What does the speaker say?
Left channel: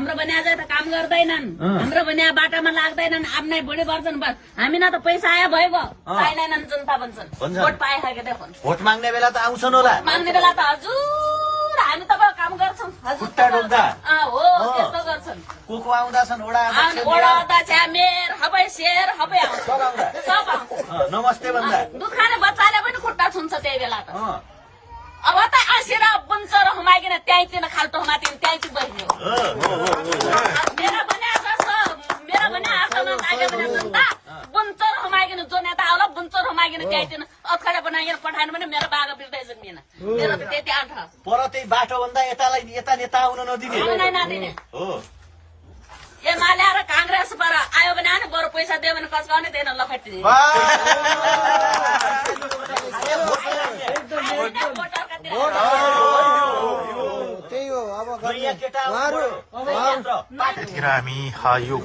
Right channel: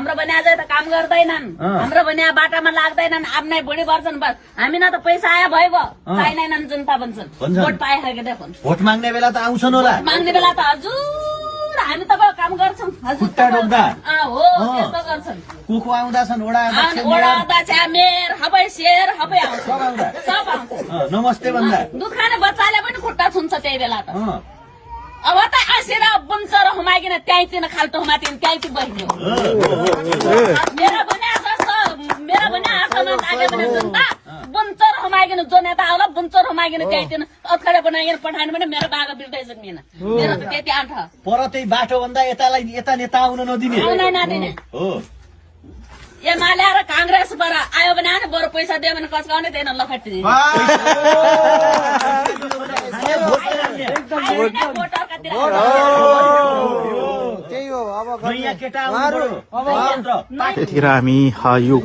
हाम्रो बन्या चाहिँ त काम गर्दैनन् हाम्रो बन्या बाटामा लाग्दैनन् आफ्नै बुढी पर्छन् बस हामी न त पैसा आयो भइगयो चाहिँदैनन् जनता भन्छन् भोट पाए खाके देखुन् भोट माग्ने बेला त आउँछन् होला माग्ने बेला त हजुर हामी त काम गर्छौँ हजुर खुट्टा डोक्दा हो त्यस्तो गर्छन् को आउँदा छन् ओडा अध्यक्ष मेयर हबै शेर हबै आउँछ सब आउँछ नमस्ते भन्दा दुध खाने बच्चाले पनि खुट्टा छुन्छ त्यही बेला त अब त आसिएर बुन्चर हुमाइकन त्यहीँतिर खाल्टो हुमातिर त्यहीँतिर बस्ने मेरा भने आर्टमा मागे भने जनता बुन्चर हुमाइकन जो नेता आउला बुन्चर हुमाइकन त्यहीँतिर अत्खडे बनाइकन पठाउनु भने मेरो बाघ बिर्दै सक्दैन मेरो त त्यति आन्थ पर त्यही बाटो भन्दा यता नेता आउन नदिने आउनै नदिने हो एमाले र कांग्रेसबाट आयो भने आने बरु पैसा दियो भने कचकाउने दिएन लखटी केटा आउनु पर्यो त्यतिखेर हामी यो